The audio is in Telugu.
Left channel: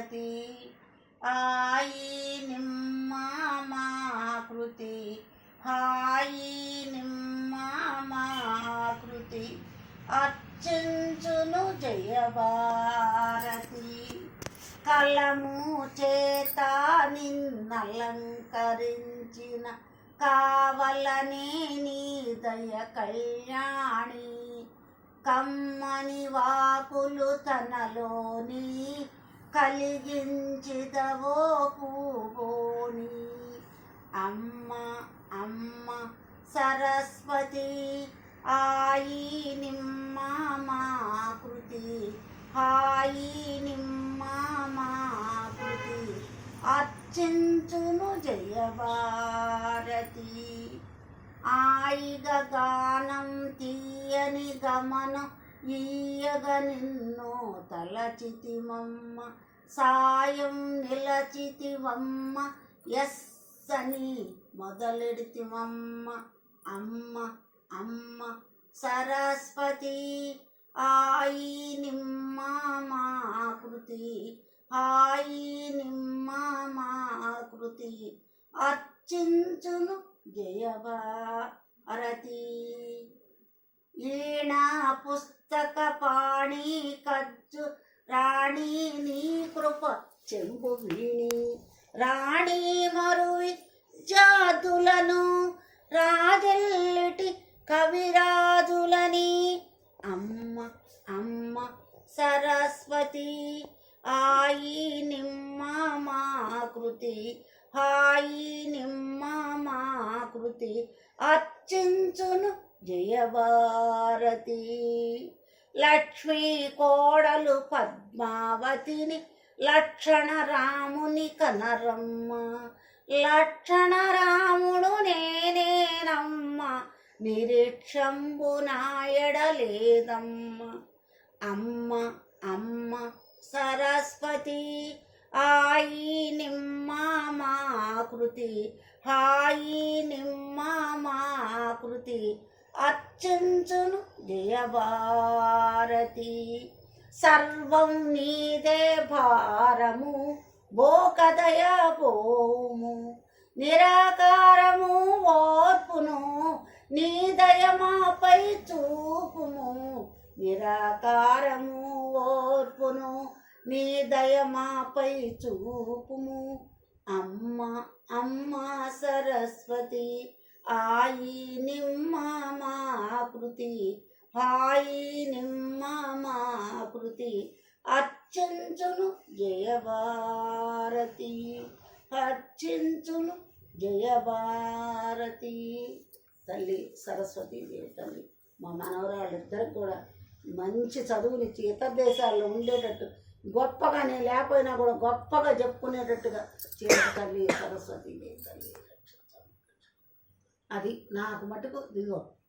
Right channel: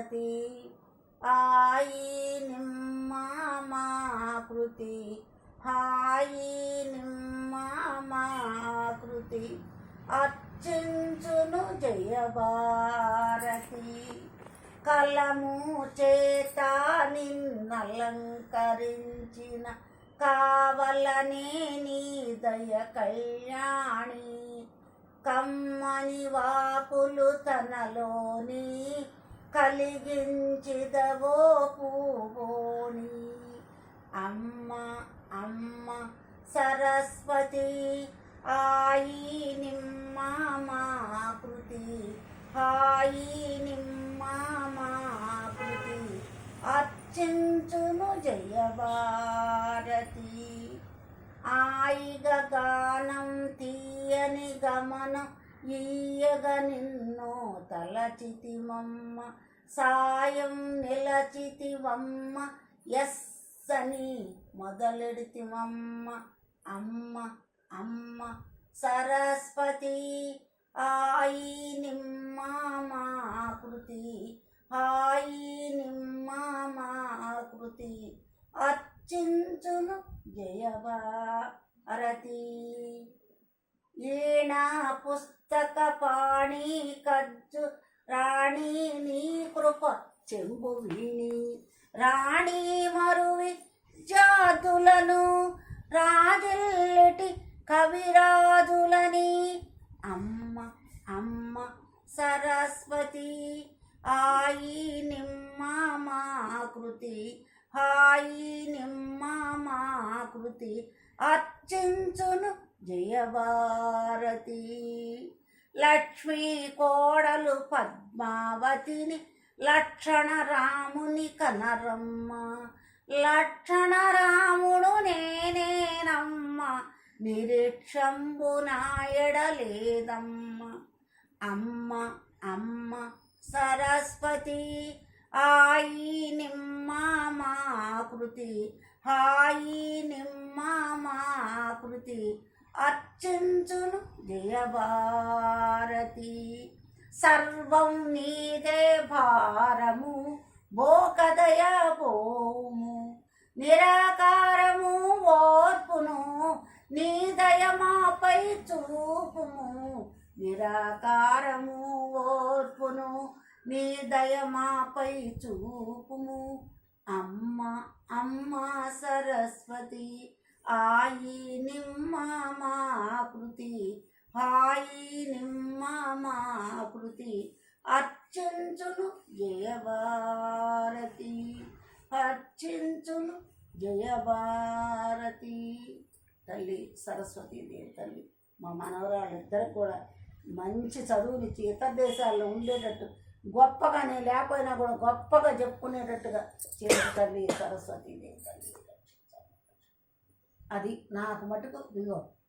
భారతి ఆయి నిమ్మామాకృతి హాయి నిమ్మామాకృతి అర్చించును జయ భారతి కలము చేత నిన్నలంకరించిన కావలనే నీ దయ కళ్యాణి కమ్మని వాకులు తనలోని కలిగించిదవో పూవోని అమ్మ అమ్మ సరస్వతి ఆయి నిమ్మామాకృతి హాయి నిమ్మామాకృతి అర్చించును జయ భారతి ఆయిగ గానం తీయని గమనం ఈయగ నిన్నో తలచితిమమ్మ సాయం నిలచితివమ్మ ఎస్సని మొదలెడితిమమ్మ అమ్మ అమ్మ సరస్వతి ఆయి నిమ్మామాకృతి హాయి నిమ్మామాకృతి అర్చించును జయ భారతి ఈణా పుస్తక పాణి కజ్జు రాణి నీ కృప చెంబు వీణి రాణి మరు జాతులను రాజెల్లటి కవిరాజులని అమ్మ అమ్మ సరస్వతి ఆయి నిమ్మామాకృతి హాయి నిమ్మామాకృతి అర్చించును జయ భారతి లక్ష్మీ కోడలు పద్మావతిని లక్షణ రాముని కనరమ్మ లక్షణ రాముడు నేనేనమ్మ నిరీక్షంబు నాయడలేదమ్మ అమ్మ అమ్మ సరస్వతి ఆయి నిమ్మామాకృతి హాయి నిమ్మామాకృతి అర్చించును జయ భారతి సర్వం నీదే భారము బోకదయ పోము నిరాకారము ఓర్పును నీ దయమాపై చూపుము నిరాకారము ఓర్పును నీ దయమాపై చూపుము అమ్మ అమ్మ సరస్వతి ఆయి నిమ్మామాకృతి హాయి నిమ్మామాకృతి అర్చించును జయ భారతి అర్చించును జయ భారతి తల్లి సరస్వతీదేవి తల్లి మా మనవరాళ్ళిద్దరికి కూడా మంచి చదువునిచ్చి ఇతర దేశాల్లో ఉండేటట్టు గొప్పగా నేను లేకపోయినా కూడా గొప్పగా చెప్పుకునేటట్టుగా చేసే తల్లి సరస్వతీదేవి తల్లి అది నాకు మటుకు దిగో